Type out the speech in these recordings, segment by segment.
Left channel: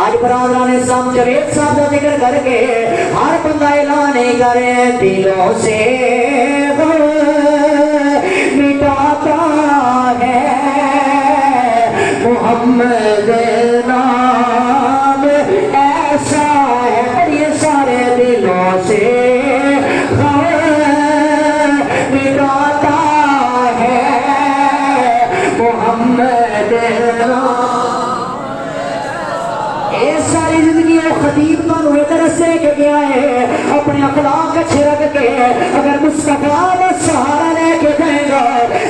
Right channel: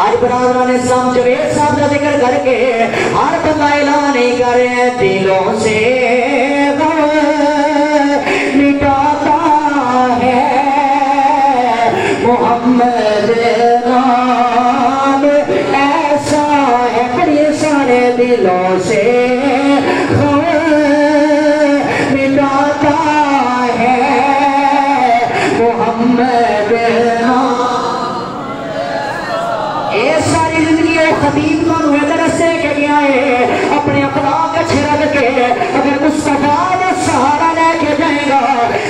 آج برادران اسلام جوید صاحب کا ذکر کر کے ہر بندہ اعلان نہیں کرے دلوں سے مٹاتا ہے محمد نام ایسا ہے پڑھیے سارے دلوں سے مٹاتا ہے محمد نام ساری زندگی خطیب مانو ہے درسے کے گیا ہے اپنے اخلاق اچھے رکھ کے اگر مصطفیٰ و سہارا لے کے جائے گا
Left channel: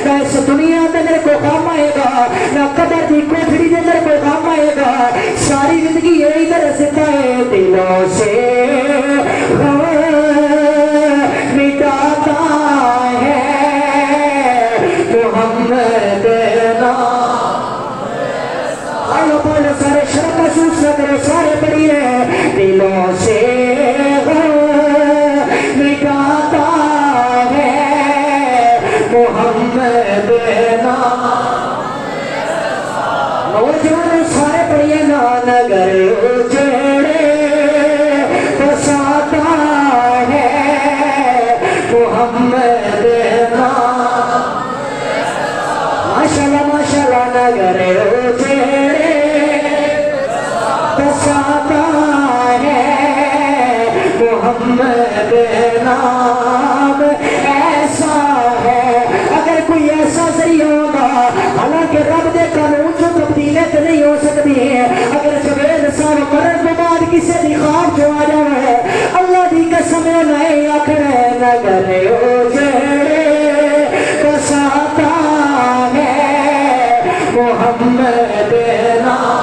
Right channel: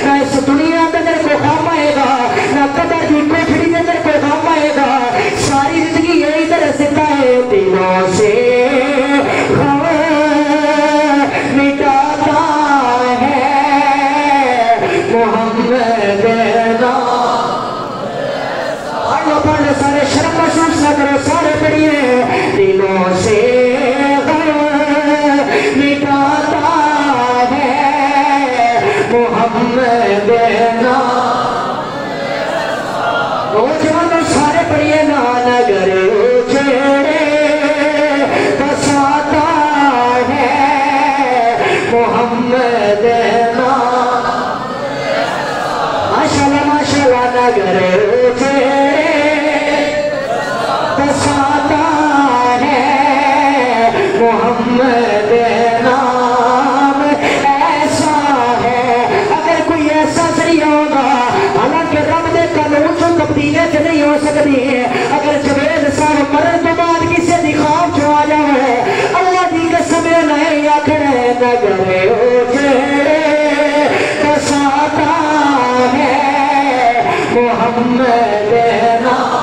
نہ اس دنیا میں میرے کو کام آئے گا نہ قبر کی کوٹھڑی میں میرے کو کام آئے گا ساری زندگی یہی درس ہے دلوں سے مٹاتا ہے محمد پڑھ لو سارے شرم محسوس نہ کرو سارے پڑھیے دلوں سے مٹاتا ہے محمد نوجوانوں سارے پڑھیے نگر اجڑے بساتا ہے محمد ماشاءاللہ ماشاءاللہ نگر اجڑے بساتا ہے محمد نام ایسا ہے اگر کوئی ایسا صحیح ہوگا حالانکہ رب دے قانون جو تبدیلیں سے نہیں ہو سکتی ہیں اگر جوید صاحب مرن کے بعد کسی دی خواب جو آ جائے اللہ دی قسم نہیں آخر نگر اجڑے بساتا ہے محمد نام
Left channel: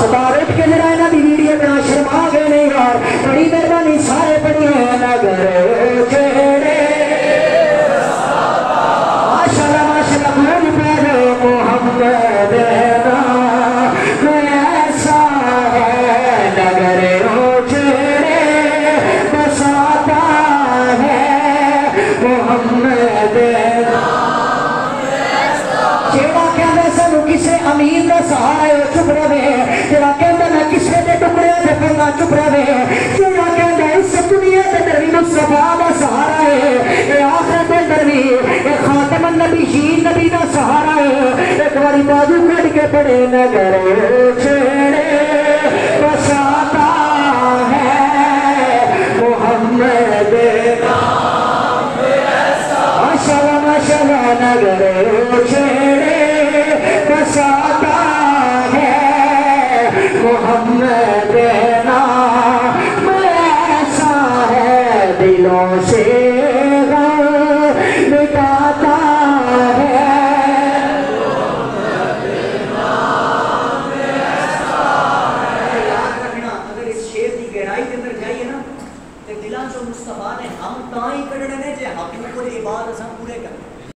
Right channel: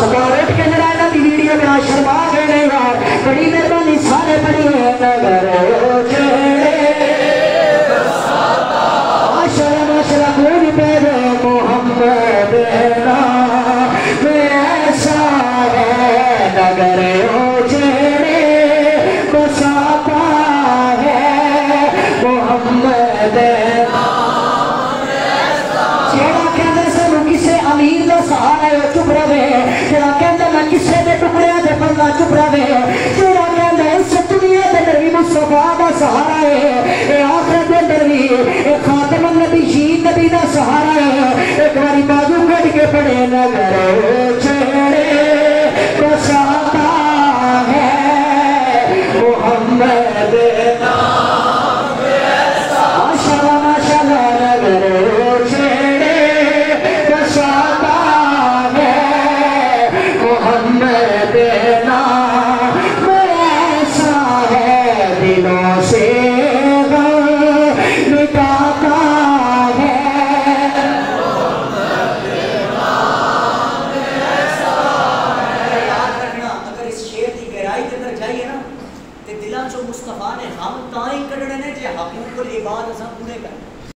ستارٹ کے جرائنا بھی ویڈیو میں آشرما گئے نہیں یار بڑی مہربانی سارے بڑی نگر اجڑے ماشاءاللہ ماشاءاللہ دور پیدا محمد نام ایسا ہے نگر اجڑے بساتا ہے محمد جیڑا کہندے سنو کسے امیر دا سہارا ہے چپ رہے جیڑا کہندے نہ کسے دے ٹکڑے دے پڑھنا چپ رہے جیڑا کہندے اس دنیا دے نبی مصطفیٰ دا سہارا ہے اے آخر دے نبی اے خاتم النبیین نبی دا سہارا ہے ایک باری بازو کھڑ کے پڑھے نگر اجڑے بساتا ہے محمد نام ماشاءاللہ ماشاءاللہ نگر اجڑے بساتا ہے محمد نام ایسا ہے دلوں سے مٹاتا ہے یاد رکھنا اگر اس شعر کی گہرائی کے اندر جائیے نا تو دلوں سے مصطفیٰ نے ہم تائیں کڑنے نے جے حقوق العباد اساں پورے کرنے